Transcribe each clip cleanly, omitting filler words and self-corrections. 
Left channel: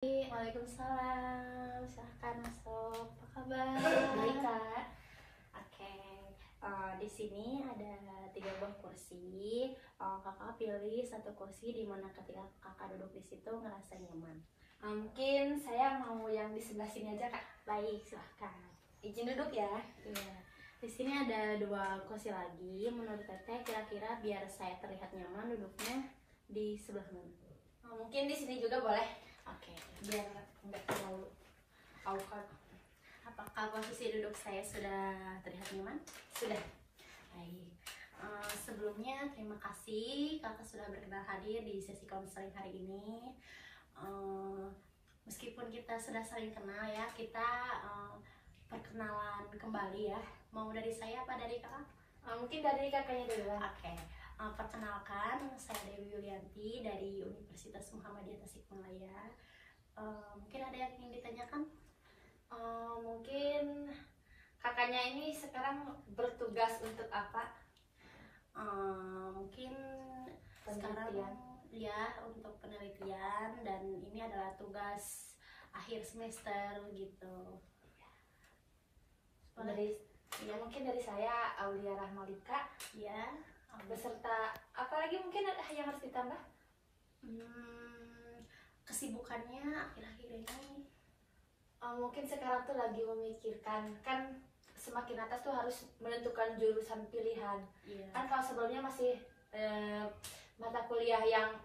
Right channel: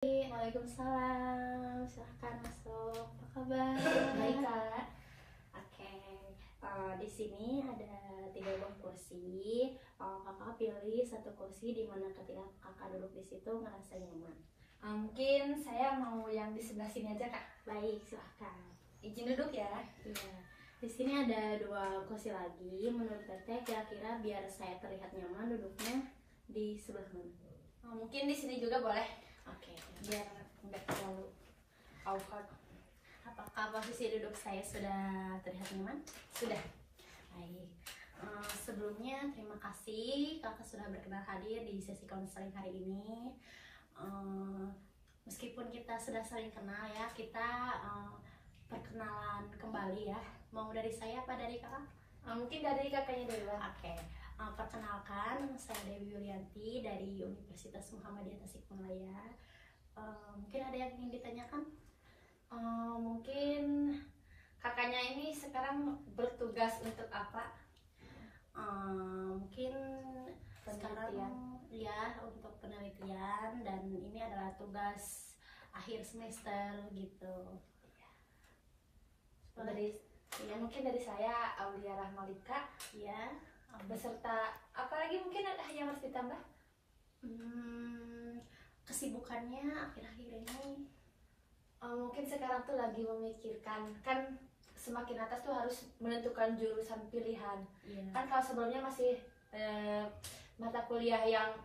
Waalaikumsalam, silahkan masuk. Apa kabar? Baik, Kak. Oke, di sini ada 3 buah kursi. Kakak pilih satu kursi di mana ketika kakak duduk di situ ngerasa nyaman. Mungkin saya mau yang di sebelah sini aja, Kak. Baik, silahkan. Izin duduk ya. Iya. Di sini ada 2 kursi lagi. Menurut Teteh, kira-kira biar saya terlihat nyaman duduknya di sebelah mana? Mungkin di sini juga boleh. Oke. Biar nggak terlalu awkward. Apakah posisi duduk saya sudah terlihat nyaman? Sudah. Baik. Sebelumnya terima kasih kakak sudah berkenan hadir di sesi konseling hari ini. Meskipun kita sudah saling kenal ya, kita perkenalan kembali ya. Mau dari saya apa dari kakak? Mungkin dari kakaknya dulu. Oke. Perkenalkan, saya Dewi Yulianti dari Universitas Muhammadiyah Tasikmalaya. Mungkin ada yang ingin ditanyakan? Mungkin kakaknya ini sekarang bertugas untuk apa? Mungkin Penelitian. sekarang ya untuk penelitian, dan ini adalah tugas akhir semester gitu. Mungkin dari saya Aulia Rahmalika Ya, beserta apa lagi mungkin yang harus ditambah? Kesibukannya akhir-akhir ini. Mungkin sekarang tuh lagi memikirkan, kan semakin atas tuh harus menentukan jurusan pilihan. Ya. Kan kalau sebelumnya masih mata kuliah yang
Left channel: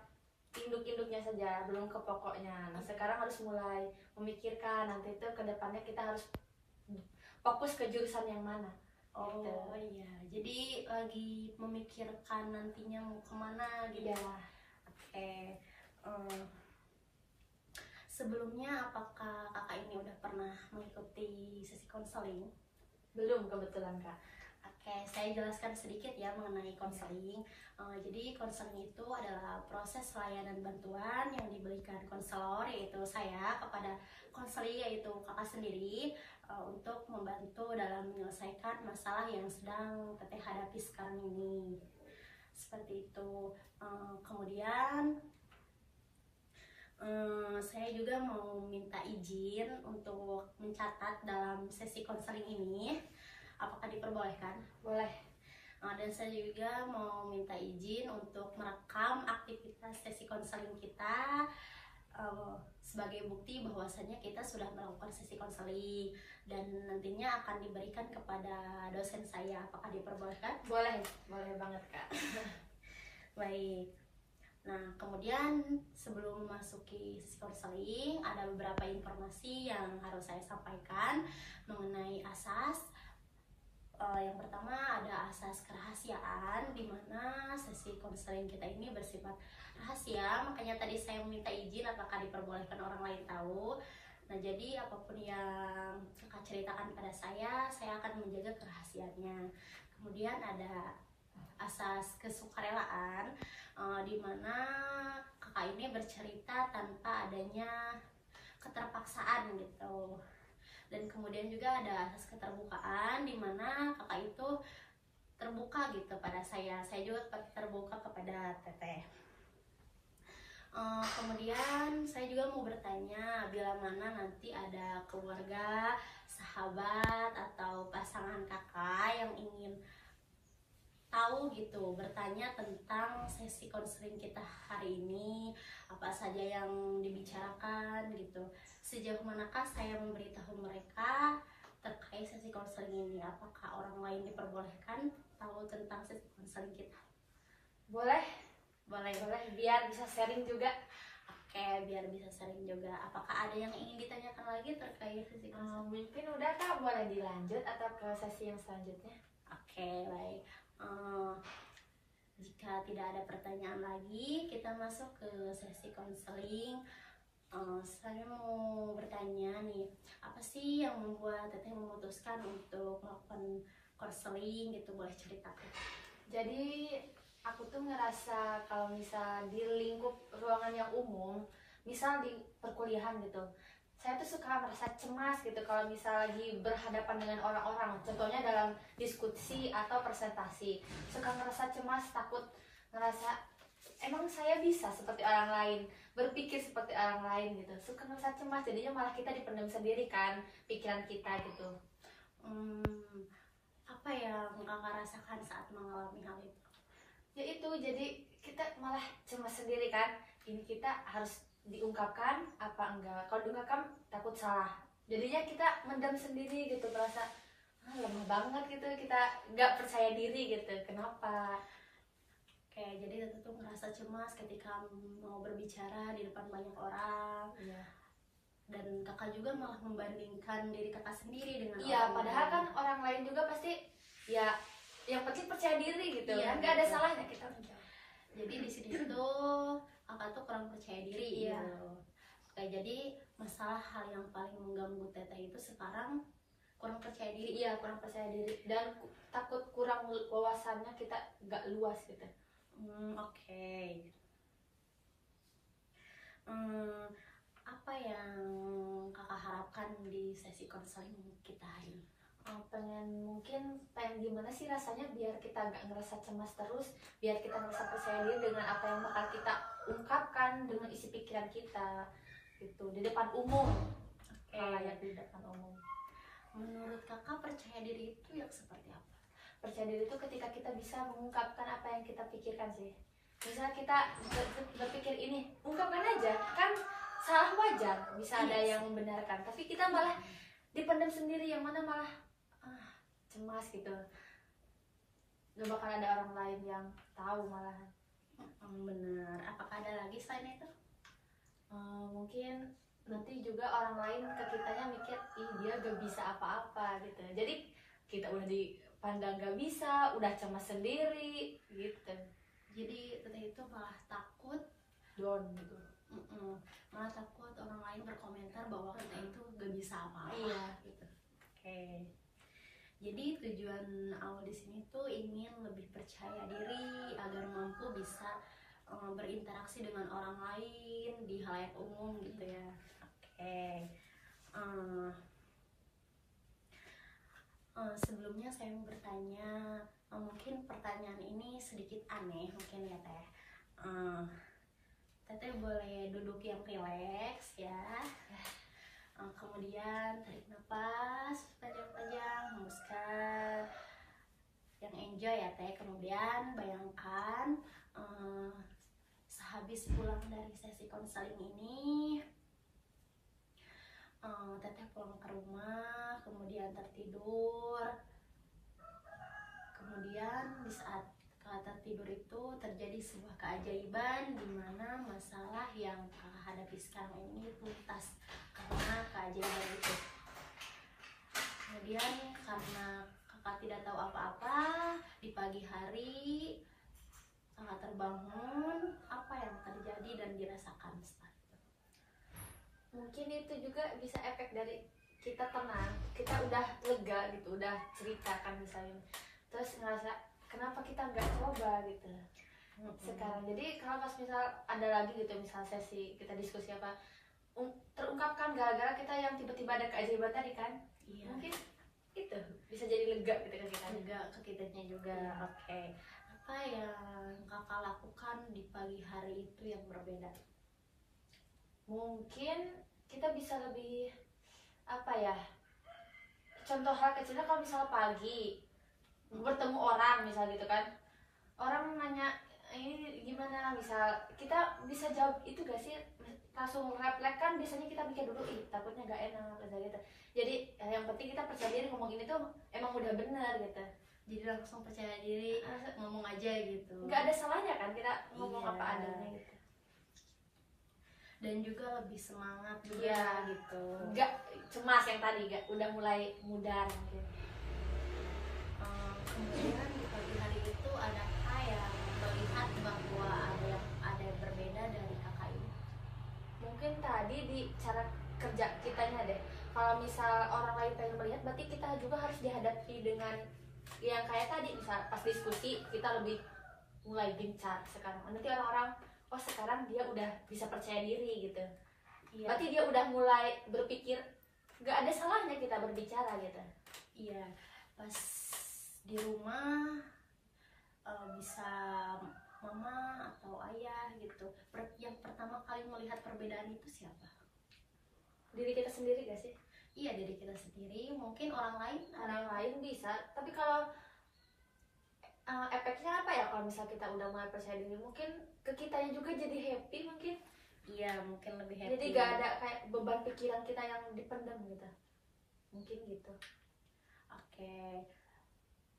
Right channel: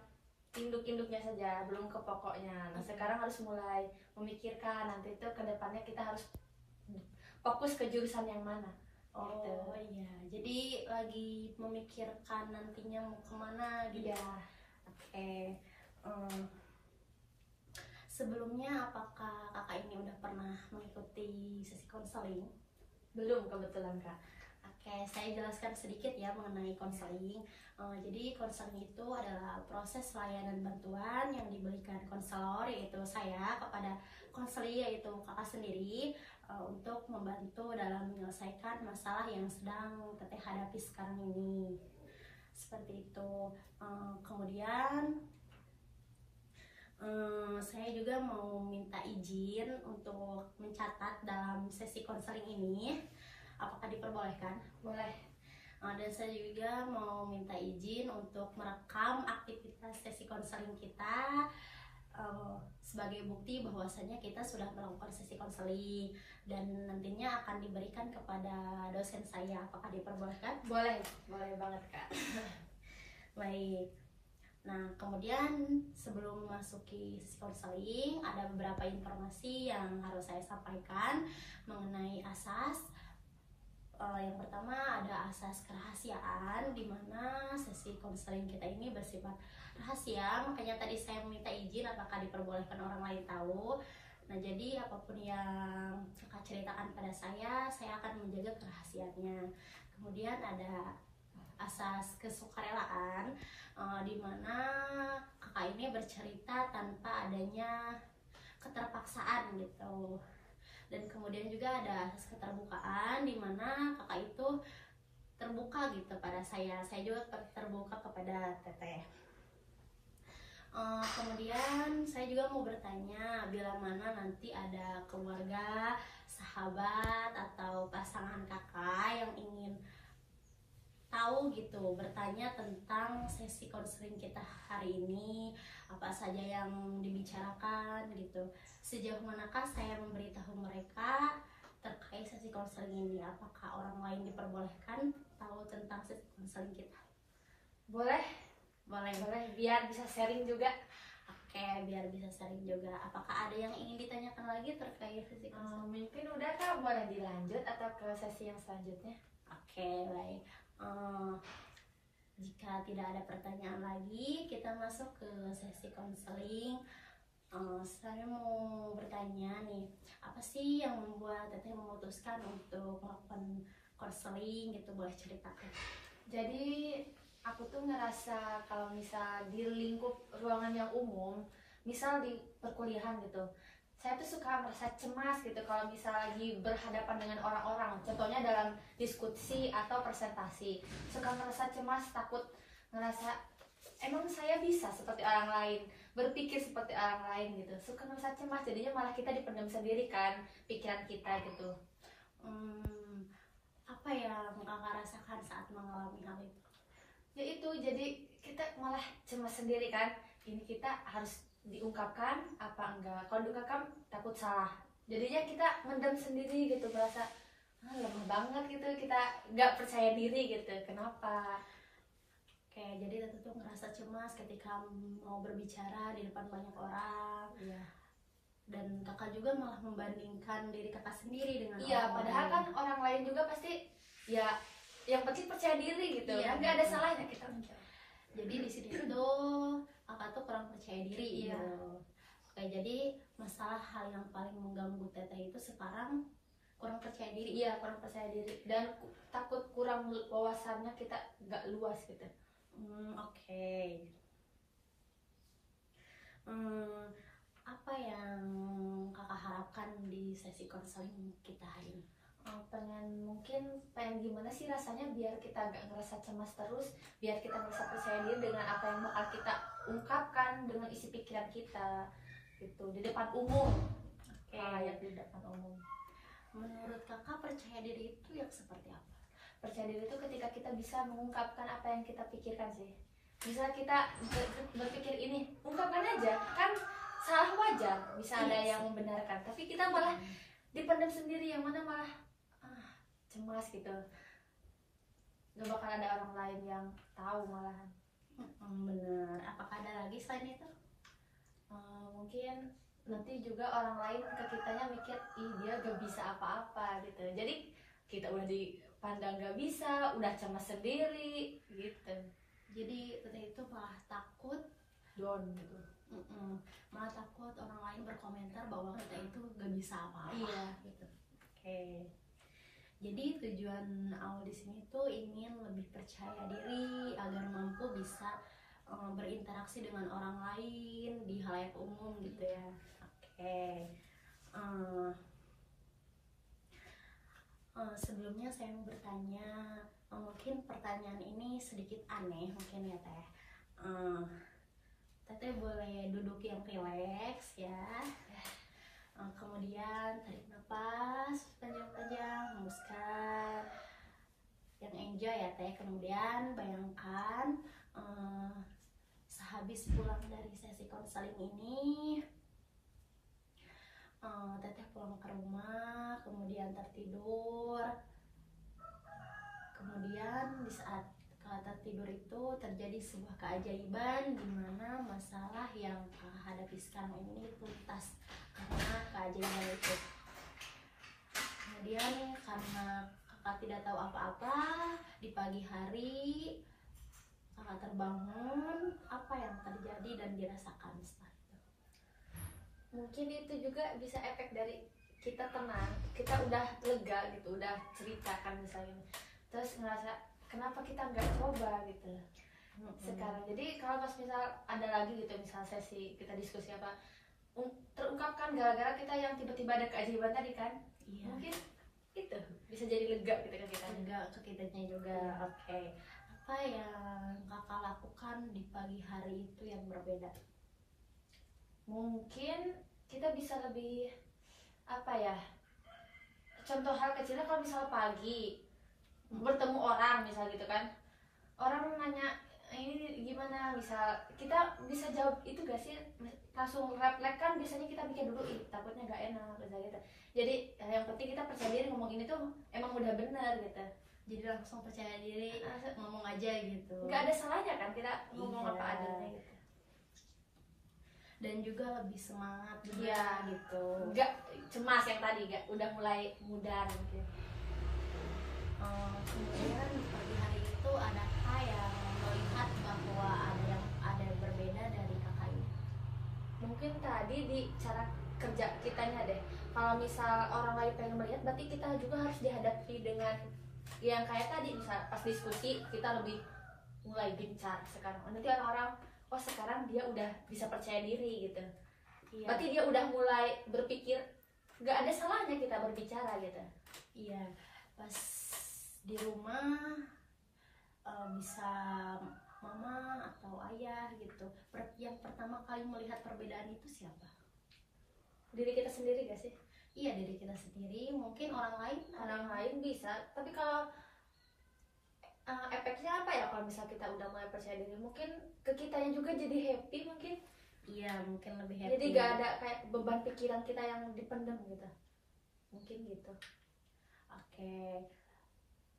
induk-induknya saja, belum ke pokoknya. Nah sekarang harus mulai memikirkan nanti tuh ke depannya kita harus fokus ke jurusan yang mana. Oh gitu. iya, jadi lagi memikirkan nantinya mau kemana gitu. Iya. Oke. Sebelumnya apakah kakak ini udah pernah mengikuti sesi konseling? Belum kebetulan, Kak. Oke, saya jelaskan sedikit ya mengenai konseling. Jadi konseling itu adalah proses layanan bantuan yang diberikan konselor, yaitu saya, kepada konseli, yaitu kakak sendiri, untuk membantu dalam menyelesaikan masalah yang sedang Teteh hadapi sekarang ini. Seperti itu. Kemudian saya juga mau minta izin untuk mencatat dalam sesi konseling ini. Apakah diperbolehkan? Boleh. Dan saya juga mau minta izin untuk merekam aktivitas sesi konseling kita sebagai bukti bahwasanya kita sudah melakukan sesi konseling, dan nantinya akan diberikan kepada dosen saya. Apakah diperbolehkan? Boleh banget, Kak. Baik. Nah, kemudian sebelum memasuki sesi konseling, ada beberapa informasi yang harus saya sampaikan mengenai asas. Yang pertama ada asas kerahasiaan, di mana sesi konseling kita ini bersifat rahasia. Makanya tadi saya meminta izin apakah diperbolehkan orang lain tahu. Nah, jadi apapun yang kakak ceritakan pada saya akan menjaga kerahasiaannya. Kemudian ada asas kesukarelaan, di mana kakak ini bercerita tanpa adanya keterpaksaan gitu. Dan kemudian juga ada asas keterbukaan, di mana kakak itu terbuka gitu pada saya juga terbuka kepada Teteh. Kemudian saya juga mau bertanya, bila mana nanti ada keluarga, sahabat, atau pasangan kakak yang ingin tahu gitu, bertanya tentang sesi konseling kita hari ini, apa saja yang dibicarakan gitu, sejauh manakah saya memberitahu mereka terkait sesi konseling ini. Apakah orang lain diperbolehkan tahu tentang sesi konseling kita? Boleh biar bisa sharing juga. Oke, biar bisa sharing juga. Apakah ada yang ingin ditanyakan lagi terkait sesi konseling? Mungkin udah, Kak, boleh dilanjut atau ke sesi yang selanjutnya? Oke, baik. Jika tidak ada pertanyaan lagi, kita masuk ke sesi konseling. Saya mau bertanya nih, apa sih yang membuat Teteh memutuskan untuk melakukan konseling gitu? Boleh ceritakan? Jadi aku tuh ngerasa kalau misal di lingkup ruangan yang umum, misal di perkuliahan gitu, saya tuh suka merasa cemas gitu kalau misal lagi berhadapan dengan orang-orang. Contohnya dalam diskusi atau presentasi, suka merasa cemas, takut ngerasa emang saya bisa seperti orang lain, berpikir seperti orang lain gitu. Suka ngerasa cemas, jadinya malah kita dipendam sendiri kan pikiran kita gitu. Apa yang kakak rasakan saat mengalami hal itu? Ya itu, jadi kita malah cemas sendiri kan. Ini kita harus diungkapkan apa enggak? Kalau diungkapkan takut salah. Jadinya kita mendam sendiri gitu, merasa lemah banget gitu, kita nggak percaya diri gitu. Kenapa? Kayak jadi Tete tuh ngerasa cemas ketika mau berbicara di depan banyak orang. Iya. Dan kakak juga malah membandingkan diri kakak sendiri dengan Iya, orang padahal lain. kan orang lain juga pasti ya yang penting percaya diri gitu. Iya, Kan nggak ada betul. salahnya kita mencoba. Jadi di sini tuh kakak tuh kurang percaya diri Iya. gitu. Kayak jadi masalah hal yang paling mengganggu Teteh itu sekarang kurang percaya diri. Iya, kurang percaya diri dan takut kurang wawasannya, kita nggak luas gitu. Oke. Apa yang kakak harapkan di sesi konseling kita hari ini? Pengen gimana sih rasanya biar kita nggak ngerasa cemas terus, biar kita ngerasa percaya diri dengan apa yang bakal kita ungkapkan dengan isi pikiran kita gitu di depan umum. Oke. Layak di depan umum. Menurut kakak percaya diri itu yang seperti apa? Percaya diri itu ketika kita bisa mengungkapkan apa yang kita pikirkan sih. Misalnya kita berpikir ini, ungkapkan aja, kan salah wajar, bisa ada Yes. yang membenarkan, tapi kita malah dipendam sendiri, yang mana malah cemas gitu. Gak bakal ada orang lain yang tahu malahan. Bener. Apakah ada lagi selain itu? Mungkin nanti juga orang lain ke kitanya mikir, ih dia gak bisa apa-apa gitu. Jadi kita udah dipandang gak bisa, udah cemas sendiri gitu. Jadi Teteh itu malah takut Down gitu. malah takut orang lain berkomentar bahwa Teteh itu gak bisa apa-apa. Iya. Gitu. Oke. Jadi tujuan awal di sini tuh ingin lebih percaya diri agar mampu bisa berinteraksi dengan orang lain di halayak umum gitu ya. Oke. Sebelumnya saya mau bertanya, mungkin pertanyaan ini sedikit aneh mungkin ya Teh. Teteh boleh duduk yang rileks ya. Kemudian tarik nafas panjang-panjang, hembuskan yang enjoy ya Teh. Kemudian bayangkan sehabis pulang dari sesi konseling ini, Teteh pulang ke rumah, kemudian tertidur. Kemudian di saat kata tidur itu terjadi sebuah keajaiban di mana masalah yang kakak hadapi sekarang ini tuntas karena keajaiban itu. Kemudian karena kakak tidak tahu apa-apa, di pagi hari kakak terbangun, apa yang terjadi dan dirasakan setelah itu? Mungkin itu juga bisa efek dari kita tenang, kita udah lega gitu, udah ceritakan misalnya, terus ngerasa kenapa kita nggak coba gitu sekarang. Jadi kalau pas misal ada lagi gitu, misal sesi kita diskusi apa, terungkapkan gara-gara kita yang tiba-tiba ada keajaiban tadi kan. Iya. Mungkin itu bisa jadi lega gitu kan kita. Lega ke kitanya juga. Oke. Apa yang kakak lakukan di pagi hari itu yang berbeda? Mungkin kita bisa lebih apa ya, contoh hal kecilnya, kalau misalnya pagi bertemu orang misal gitu kan, orang nanya ini gimana, misal kita bisa jawab itu gak sih, langsung refleks kan, biasanya kita pikir dulu ih takutnya gak enak gitu. Jadi yang penting kita percaya diri, ngomong ini tuh emang udah benar gitu. Jadi langsung percaya diri, ngomong aja gitu. Nggak ada salahnya kan kita ngomong Iya. apa adanya gitu. Dan juga lebih semangat juga Iya. gitu. Nggak cemas yang tadi, nggak udah mulai mudar gitu. Kemudian di pagi hari itu adakah yang melihat bahwa ada yang berbeda dari kakak ini? Mungkin tadi di cara kerja kitanya deh. Kalau misal orang lain pengen melihat, berarti kita juga harus dihadapi dengan yang kayak tadi, misal pas diskusi kita lebih mulai gencar sekarang. Nanti orang-orang, oh sekarang dia udah bisa percaya diri gitu. Iya. Berarti dia udah mulai berpikir, nggak ada salahnya kita berbicara gitu. Iya. Pas di rumah bisa mama atau ayah gitu. Yang pertama kali melihat perbedaan itu siapa? Diri kita sendiri gak sih? Iya, diri kita sendiri. Mungkin orang lain, Orang lain bisa, tapi kalau efeknya apa ya kalau misalnya kita udah mulai percaya diri, mungkin ke kitanya juga jadi happy mungkin. iya mungkin lebih happy. Jadi gak ada kayak beban pikiran kita yang dipendam gitu, mungkin gitu. Oke,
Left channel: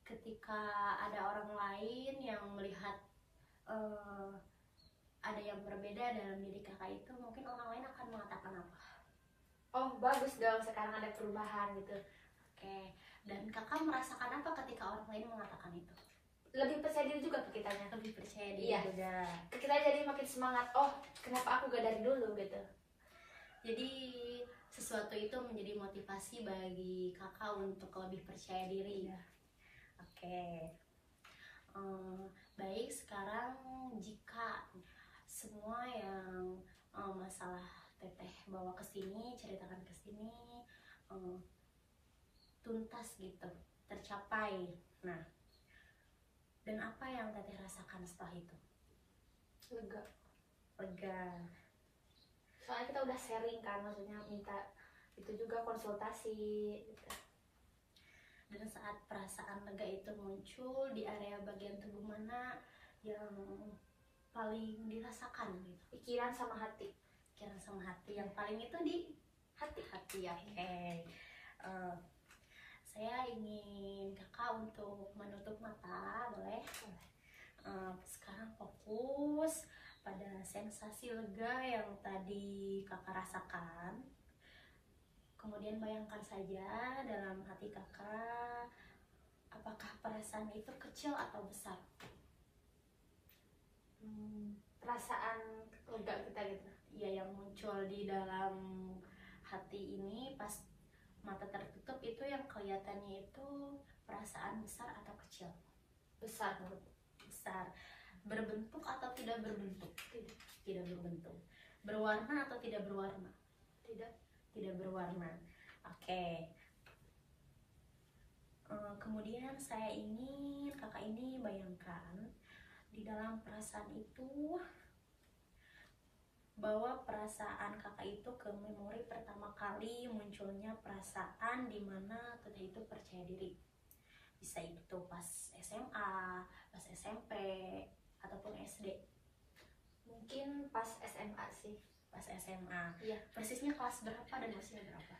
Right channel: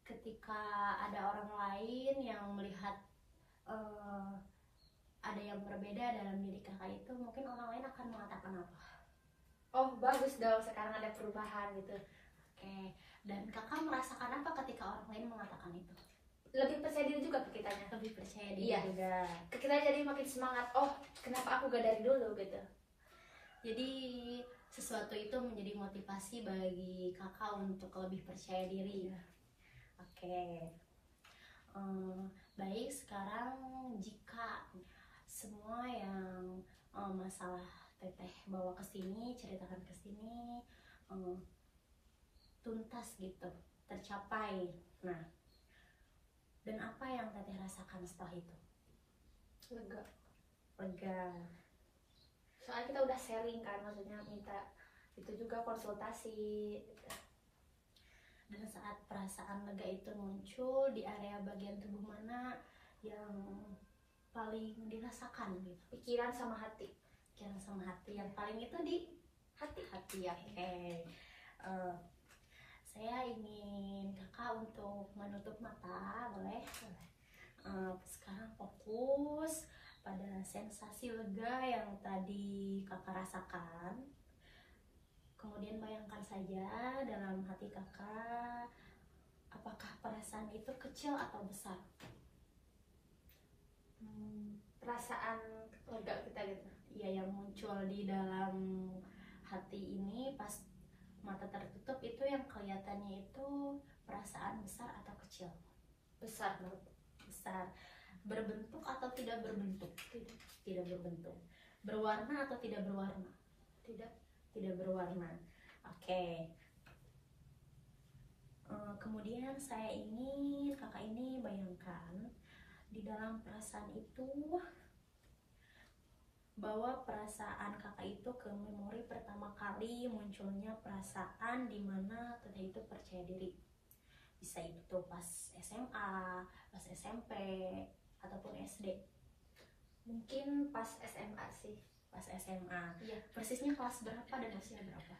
ketika ada orang lain yang melihat ada yang berbeda dalam diri kakak itu, mungkin orang lain akan mengatakan apa? Oh bagus dong, sekarang ada perubahan gitu. Oke, dan kakak merasakan apa ketika orang lain mengatakan itu? Lebih percaya diri juga ke kitanya. Lebih percaya diri Iya. juga. Ke kita jadi makin semangat. Oh kenapa aku gak dari dulu gitu. Jadi sesuatu itu menjadi motivasi bagi kakak untuk lebih percaya diri. Iya. Oke. Baik, sekarang jika semua yang masalah teteh bawa ke sini, ceritakan ke sini, tuntas gitu, tercapai. Nah, dan apa yang teteh rasakan setelah itu? Lega. Lega. Soalnya kita udah sharing kan, maksudnya minta itu juga konsultasi gitu. Dan saat perasaan lega itu muncul, di area bagian tubuh mana yang paling dirasakan gitu? Pikiran sama hati. Pikiran sama hati. Yang paling itu di hati. Oke. Saya ingin kakak untuk menutup mata, boleh? Sekarang fokus pada sensasi lega yang tadi kakak rasakan. Kemudian bayangkan saja dalam hati kakak, apakah perasaan itu kecil atau besar? Perasaan lega kita gitu. Ya, yang muncul di dalam hati ini pas mata tertutup itu yang kelihatannya itu perasaan besar atau kecil? Besar menurut. Besar. Berbentuk atau tidak berbentuk? Tidak. Tidak berbentuk. Berwarna atau tidak berwarna? Tidak berwarna. Oke. Kemudian saya ingin kakak ini bayangkan di dalam perasaan itu, bawa perasaan kakak itu ke memori pertama kali munculnya perasaan di mana teteh itu percaya diri. Bisa itu pas SMA, pas SMP, ataupun SD. Mungkin pas SMA sih. Pas SMA. Iya. Persisnya kelas berapa dan usia berapa?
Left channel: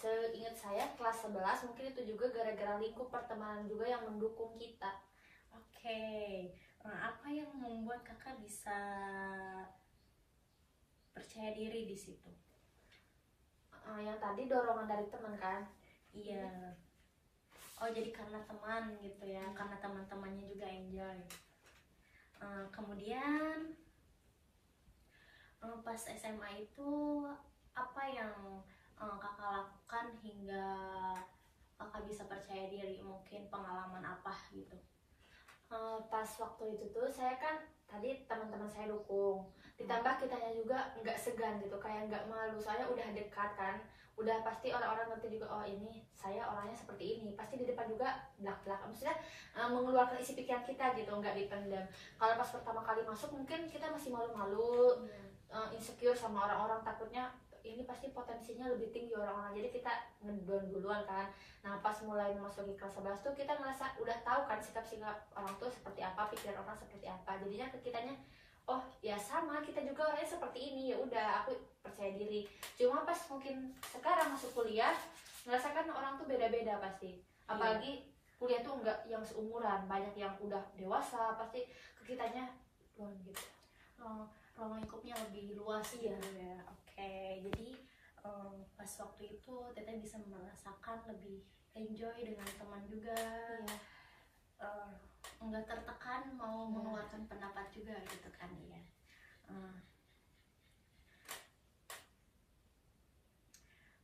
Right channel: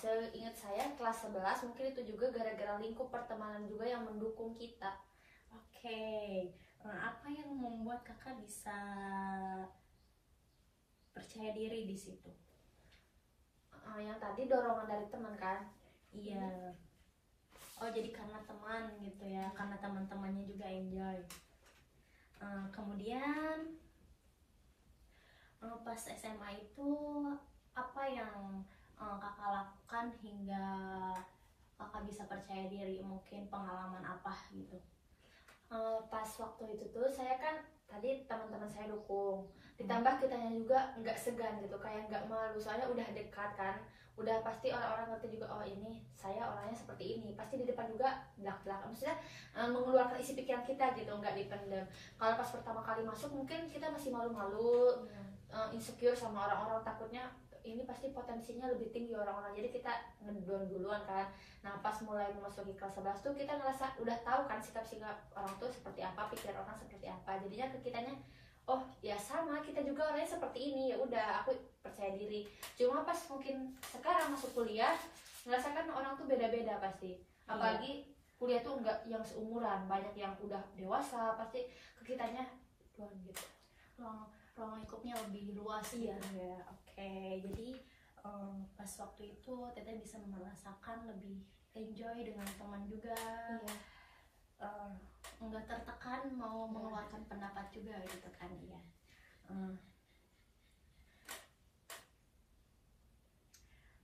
Seingat saya kelas 11, mungkin itu juga gara-gara lingkup pertemanan juga yang mendukung kita. Oke. Apa yang membuat kakak bisa percaya diri di situ? Yang tadi dorongan dari teman kan? Iya. Oh, jadi karena teman gitu ya, karena teman-temannya juga enjoy. Kemudian pas SMA itu apa yang kakak lakukan hingga kakak bisa percaya diri? Mungkin pengalaman apa gitu? Pas waktu itu tuh saya kan tadi teman-teman saya dukung, ditambah kitanya juga nggak segan gitu, kayak nggak malu, soalnya udah dekat kan, udah pasti orang-orang ngerti juga, oh ini saya orangnya seperti ini, pasti di depan juga belak-belakan, maksudnya mengeluarkan isi pikiran kita gitu, nggak dipendam. Kalau pas pertama kali masuk mungkin kita masih malu-malu, insecure sama orang-orang, takutnya ini pasti potensinya lebih tinggi orang-orang, jadi kita ngedon duluan kan. Nah pas mulai memasuki kelas 11 tuh kita ngerasa udah tahu kan sikap-sikap orang tuh seperti apa, pikiran orang seperti apa, jadinya ke kitanya oh ya sama, kita juga orangnya seperti ini, ya udah aku percaya diri. Cuma pas mungkin sekarang masuk kuliah merasakan orang tuh beda-beda pasti, apalagi kuliah tuh enggak yang seumuran, banyak yang udah dewasa, pasti ke kitanya doang gitu, ruang lingkupnya lebih luas gitu ya. Oke, jadi pas waktu itu teteh bisa merasakan lebih enjoy dengan teman juga, nggak tertekan mau mengeluarkan pendapat juga gitu kan ya.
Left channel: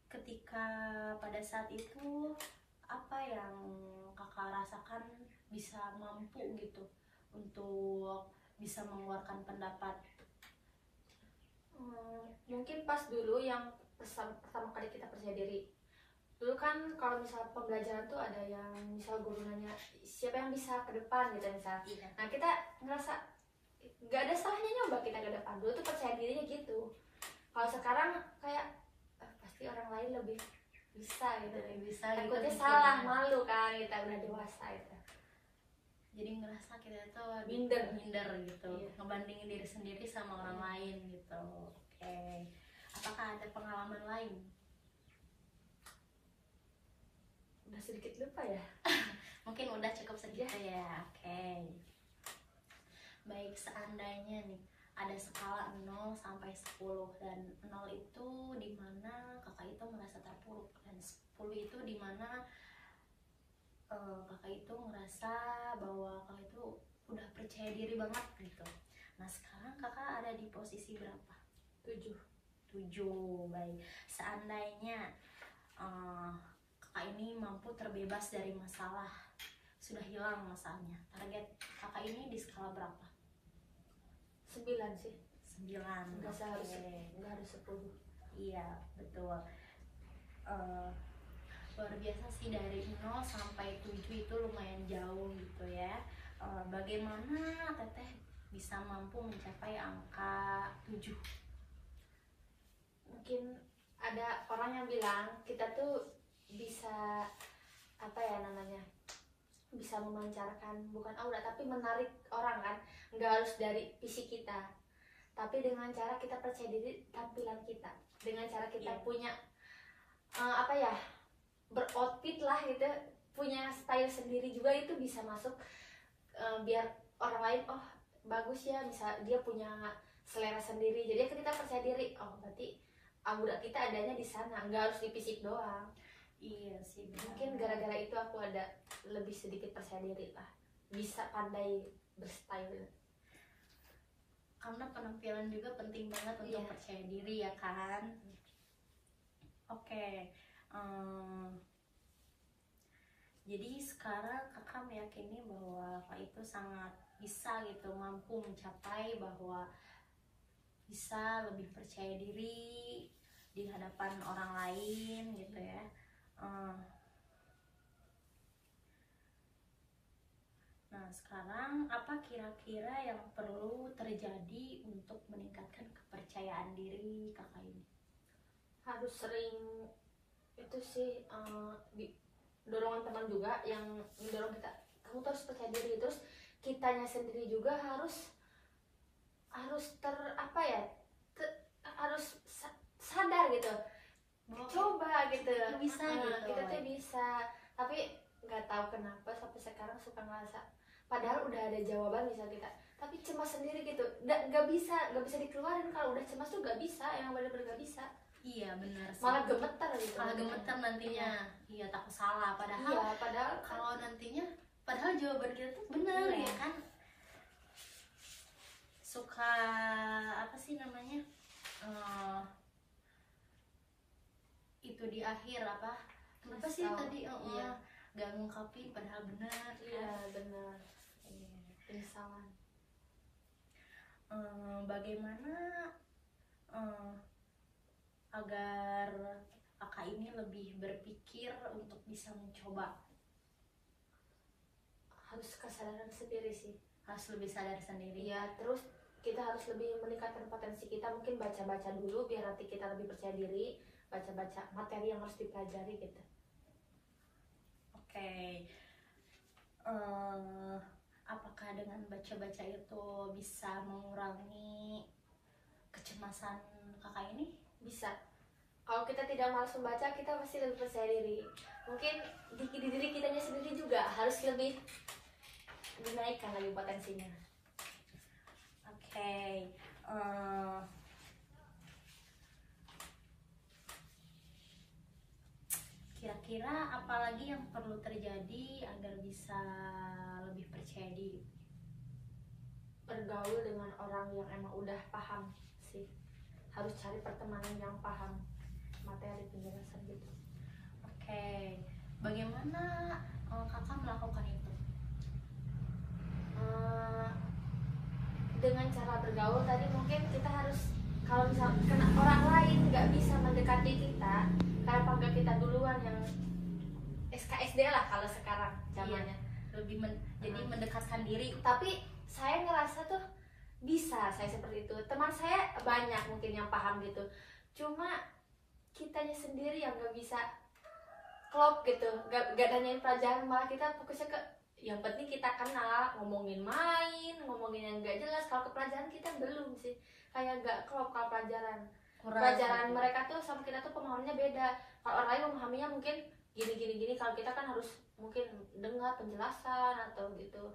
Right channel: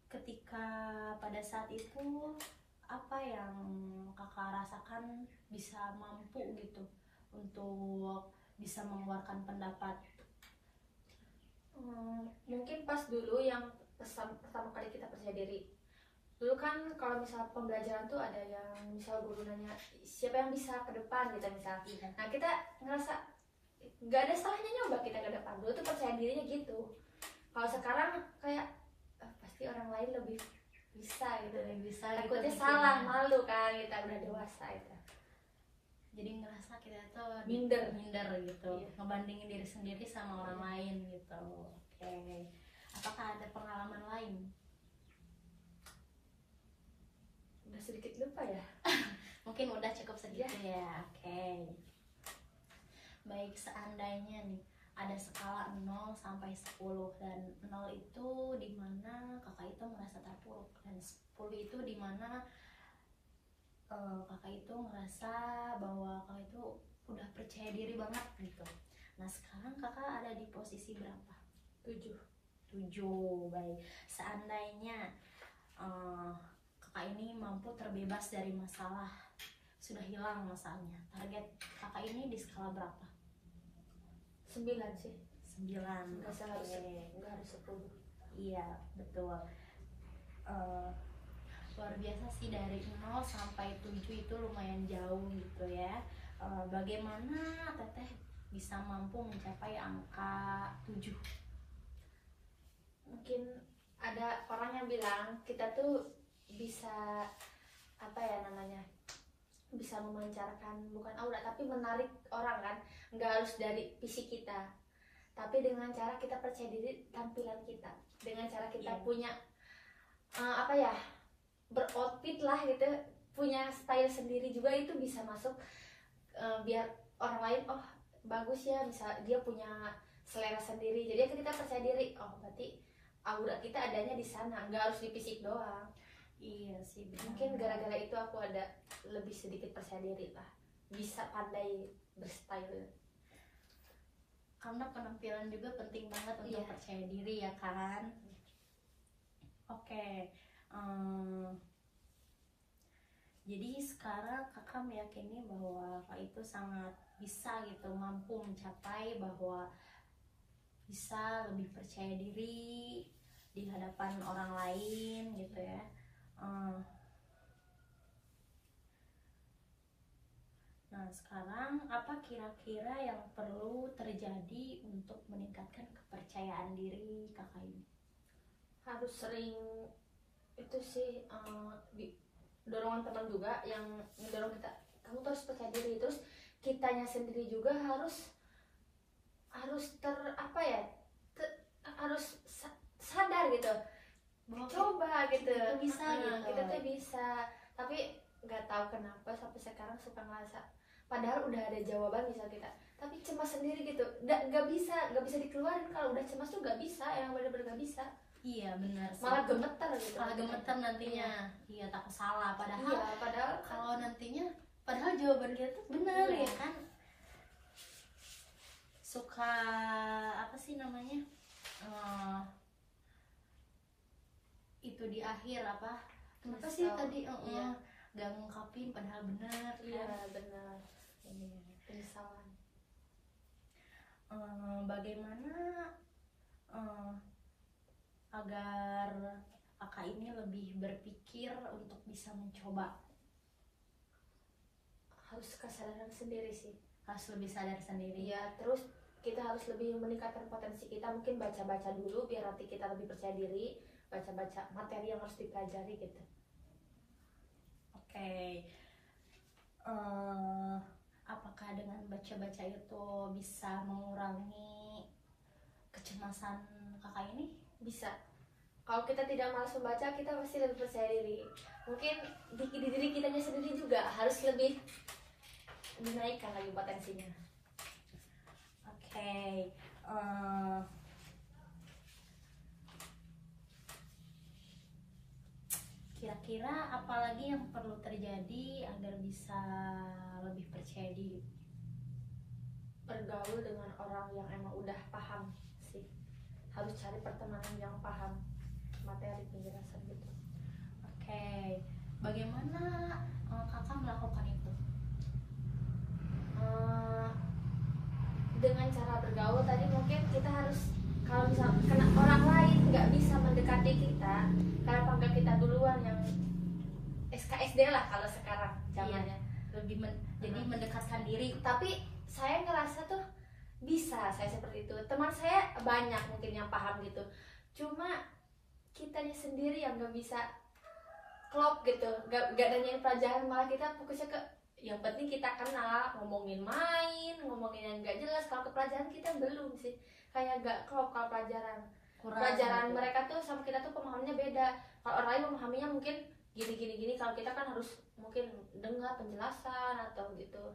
Ketika pada saat itu apa yang kakak rasakan bisa mampu gitu untuk bisa mengeluarkan pendapat? Mungkin pas dulu yang pertama kali kita percaya diri, Dulu kan kalau misal pembelajaran tuh ada yang misal guru nanya siapa yang bisa ke depan gitu misal. Nah kita ngerasa nggak ada salahnya nyoba kita ke depan. Dulu tuh percaya dirinya gitu. Kalau sekarang kayak pasti orang lain lebih bisa gitu. Bisa gitu Takutnya mikirnya. salah, malu kan kita udah dewasa itu. Jadi ngerasa kita tuh Minder gitu. Iya. Ngebandingin diri sendiri sama orang lain gitu. Oke. Apakah ada pengalaman lain? Udah sedikit lupa ya. Mungkin udah cukup segitu ya. Oke. Baik, seandainya nih ada skala 0 sampai 10 dan 0 itu dimana kakak itu merasa terpuruk dan 10 itu dimana kakak itu merasa bahwa kakak itu udah percaya diri banget gitu. Nah sekarang kakak ada di posisi berapa? 7. Baik, seandainya kakak ini mampu terbebas dari masalah, sudah hilang masalahnya, target kakak ini di skala berapa? 9 sih. 9. Nggak Oke. harus 10. Iya betul. Luar biasa sih, dari 0 sampai 7 itu lumayan jauh gitu ya. Bagaimana teteh bisa mampu mencapai angka 7? Mungkin ada orang yang bilang kita tuh bisa apa ya namanya, bisa memancarkan bukan aura tapi menarik orang kan, nggak harus dari fisik kita, tapi dengan cara kita percaya diri tampilan kita, dengan cara kita punya apa ya, beroutfit lah gitu, punya style sendiri juga, itu bisa masuk biar orang lain oh bagus ya, bisa dia punya selera sendiri, jadi kita percaya diri, oh berarti aura kita adanya di sana, nggak harus di fisik doang. Iya sih benar. Mungkin gara-gara itu aku ada lebih sedikit percaya diri lah, bisa pandai berstyle. Karena penampilan juga penting banget untuk percaya diri ya kan. Oke. Jadi sekarang kakak meyakini bahwa kakak itu sangat bisa gitu, mampu mencapai bahwa bisa lebih percaya diri di hadapan orang lain gitu ya. Nah sekarang apa kira-kira yang perlu terjadi untuk meningkatkan kepercayaan diri kakak ini? Harus sering itu sih, dorongan teman juga yang mendorong kita, kamu tuh harus percaya diri, terus kitanya sendiri juga harus harus sadar gitu, coba gitu, kita bisa gitu. Kita tuh bisa, tapi nggak tahu kenapa sampai sekarang suka ngerasa padahal udah ada jawaban misal kita, tapi cemas sendiri gitu, nggak bisa dikeluarin. Kalau udah cemas tuh nggak bisa, yang benar-benar nggak bisa. Iya benar sih. Malah gemeter gitu. Malah gemeter nantinya. Iya takut salah. Padahal kalau nantinya, padahal jawaban kita tuh benar ya kan. Suka apa sih namanya? Itu di akhir apa? Kenapa sih tadi? Gak ngungkapin padahal benar. Iya benar. Penyesalan. Bagaimana agar kakak ini lebih berpikir untuk bisa mencoba? Harus kesadaran sendiri sih. Harus lebih sadar sendiri. Iya, terus kita harus lebih meningkatkan potensi kita. Mungkin baca-baca dulu biar nanti kita lebih percaya diri. Baca-baca materi yang harus dipelajari gitu. Oke. Apakah dengan baca-baca itu bisa mengurangi kecemasan kakak ini? Bisa. Kalau kita tidak malas membaca, kita pasti lebih percaya diri. Mungkin di diri kitanya sendiri juga harus lebih dinaikkan lagi potensinya. Oke. Kira-kira apalagi yang perlu terjadi agar bisa lebih percaya diri? Bergaul dengan orang yang emang udah paham sih. Harus cari pertemanan yang paham materi penjelasan gitu. Oke. Bagaimana kakak melakukan itu? Dengan cara bergaul tadi mungkin kita harus, kalau misal kena orang lain nggak bisa mendekati kita, kenapa nggak kita duluan yang SKSD lah kalau sekarang zamannya. Lebih jadi mendekatkan diri. Tapi saya ngerasa tuh bisa saya seperti itu. Teman saya banyak mungkin yang paham gitu, cuma kitanya sendiri yang nggak bisa klop gitu, nggak nanyain pelajaran, malah kita fokusnya ke yang penting kita kenal, ngomongin main, ngomongin yang nggak jelas. Kalau ke pelajaran kita belum sih, kayak nggak klop. Kalau pelajaran gitu. mereka tuh sama kita tuh pemahamannya beda. Kalau orang lain memahaminya mungkin gini, kalau kita kan harus mungkin dengar penjelasan atau gitu.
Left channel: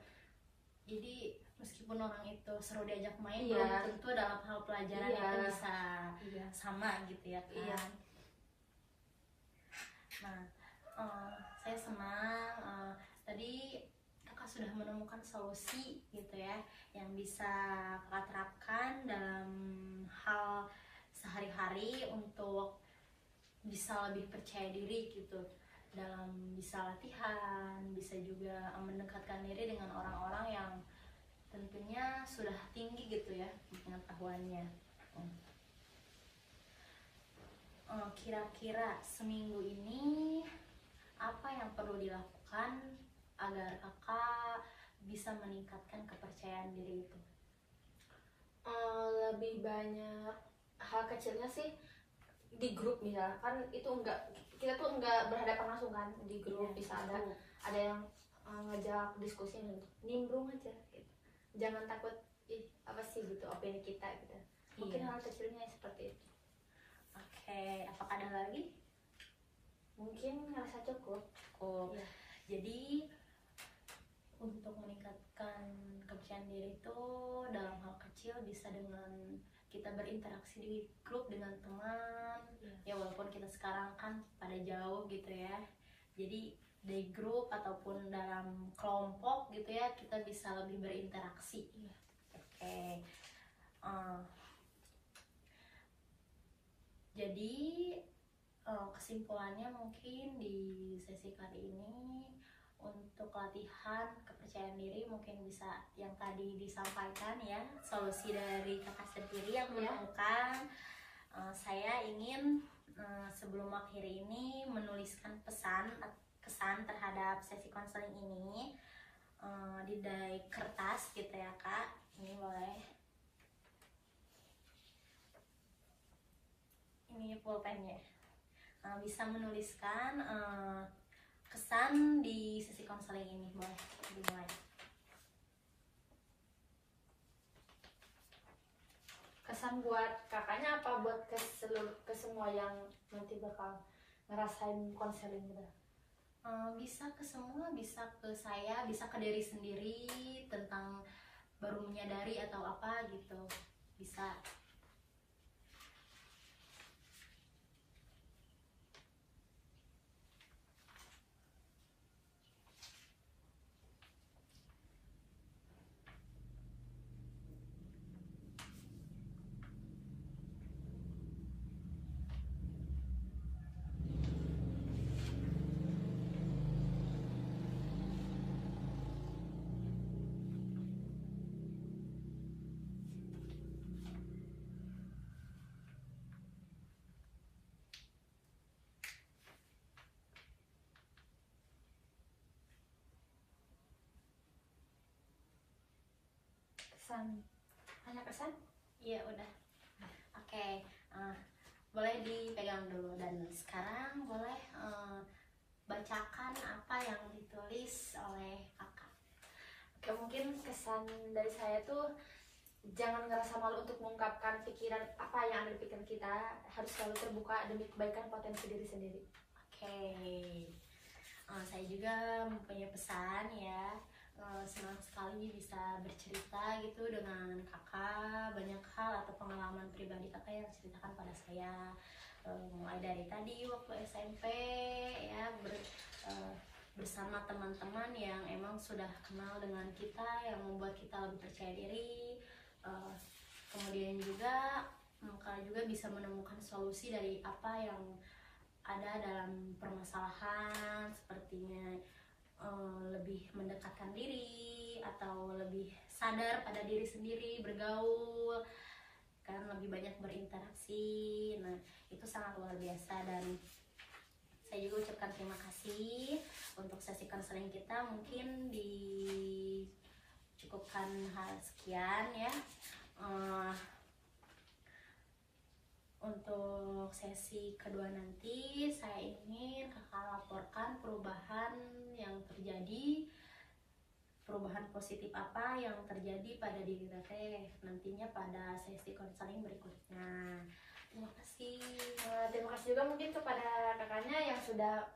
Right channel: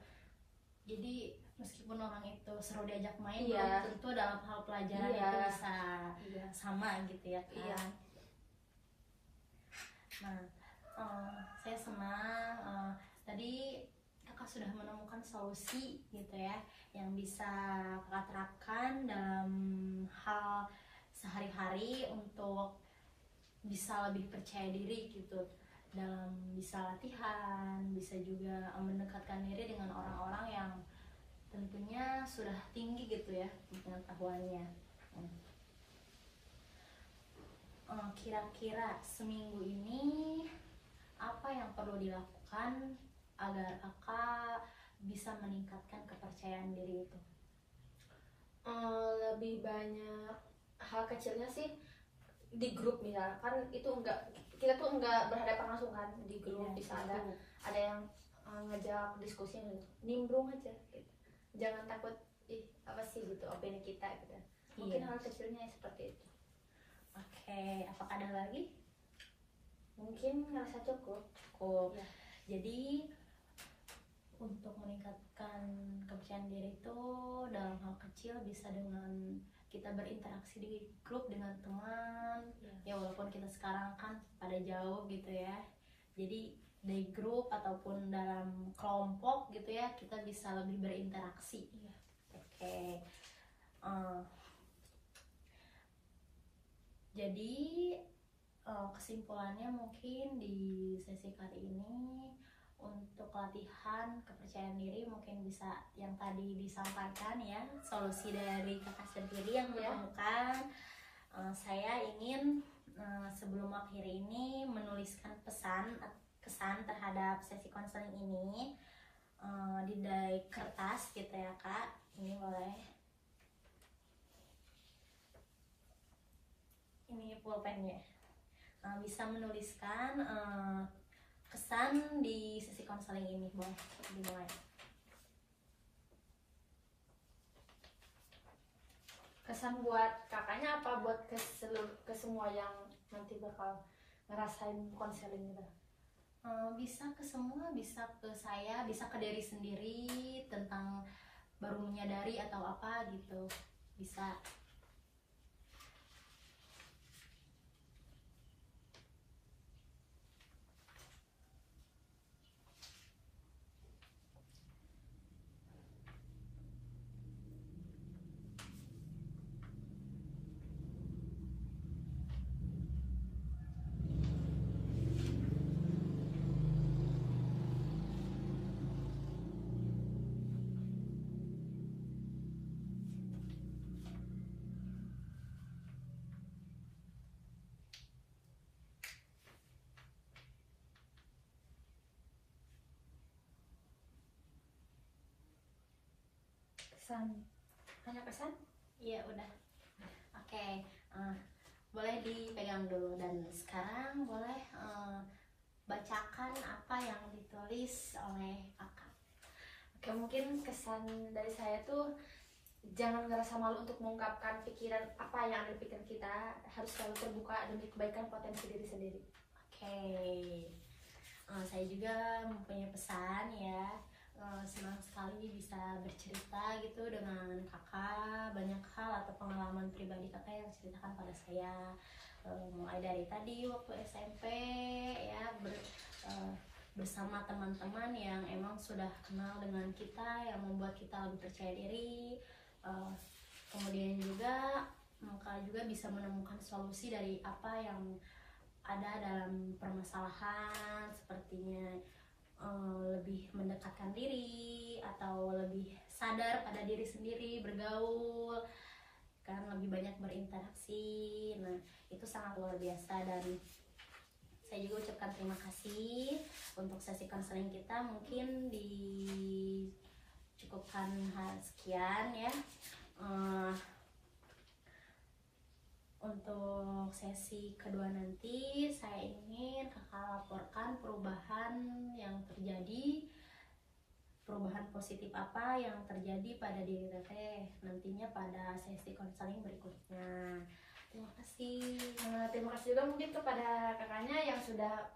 Jadi meskipun orang itu seru diajak main, Iya. belum tentu dalam hal pelajaran Iya. itu bisa Iya. sama gitu ya kan. Iya. Nah, saya senang tadi kakak sudah menemukan solusi gitu ya, yang bisa kakak terapkan dalam hal sehari-hari untuk bisa lebih percaya diri gitu, dalam bisa latihan, bisa juga mendekatkan diri dengan orang-orang yang tentunya sudah tinggi gitu ya pengetahuannya. Kira-kira seminggu ini apa yang perlu dilakukan agar kakak bisa meningkatkan kepercayaan diri itu? Lebih banyak hal kecilnya sih di grup, misalkan itu kita tuh enggak berhadapan langsung kan di grup. Bisa ada yang ngajak diskusi, nimbrung aja gitu. Jangan takut apa sih gitu opini kita gitu. Mungkin hal kecilnya seperti itu. Oke, apakah ada lagi? Mungkin ngerasa cukup. Ya. Jadi untuk meningkatkan kepercayaan diri itu dalam hal kecil bisa dengan kita berinteraksi di grup dengan teman. Ya walaupun kita sekarang kan pada jauh gitu ya, jadi di grup ataupun dalam kelompok gitu ya, kita bisa lebih berinteraksi. Oke. Jadi kesimpulannya mungkin di sesi kali ini, untuk latihan kepercayaan diri mungkin bisa yang tadi disampaikan ya, solusi dari kakak sendiri yang menemukan. Saya ingin sebelum akhir ini menuliskan kesan terhadap sesi konseling ini di kertas gitu ya kak. Ini boleh, ini pulpennya. Bisa menuliskan kesan di sesi konseling ini, boleh dimulai. Kesan buat kakaknya apa buat ke semua yang nanti bakal ngerasain konseling gitu? Bisa ke semua, bisa ke saya, bisa ke diri sendiri tentang baru menyadari atau apa gitu, bisa. Hanya kesan? Iya udah. Oke. Boleh dipegang dulu, dan sekarang boleh bacakan apa yang ditulis oleh kakak. Oke, mungkin kesan dari saya tuh jangan ngerasa malu untuk mengungkapkan pikiran apa yang ada di pikiran kita, harus selalu terbuka demi kebaikan potensi diri sendiri. Oke. Saya juga mempunyai pesan ya. Senang sekali bisa bercerita gitu dengan kakak, banyak hal atau pengalaman pribadi kakak yang ceritakan pada saya, mulai dari tadi waktu SMP ya, bersama teman-teman yang emang sudah kenal dengan kita, yang membuat kita lebih percaya diri. Kemudian juga kakak juga bisa menemukan solusi dari apa yang ada dalam permasalahan, sepertinya lebih mendekatkan diri atau lebih sadar pada diri sendiri, bergaul kan, lebih banyak berinteraksi. Nah, itu sangat luar biasa, dan saya juga ucapkan terima kasih untuk sesi konseling kita. Mungkin dicukupkan hal sekian ya. Untuk sesi kedua nanti saya ingin kakak laporkan perubahan yang terjadi, perubahan positif apa yang terjadi pada diri teteh nantinya pada sesi konseling berikutnya. Terima kasih. Terima kasih juga mungkin kepada kakaknya yang sudah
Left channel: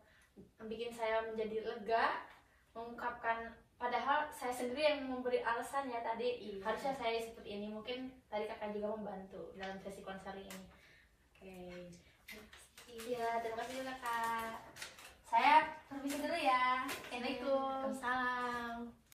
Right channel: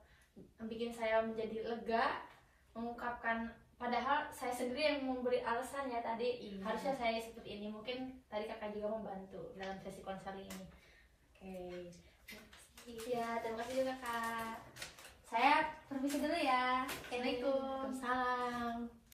bikin saya menjadi lega, mengungkapkan, padahal saya sendiri yang memberi alasan ya tadi. Iya. Harusnya saya seperti ini, mungkin tadi kakak juga membantu dalam sesi konseling ini. Oke. Ya, terima kasih juga kak. Saya permisi dulu ya. Assalamualaikum. Waalaikumsalam.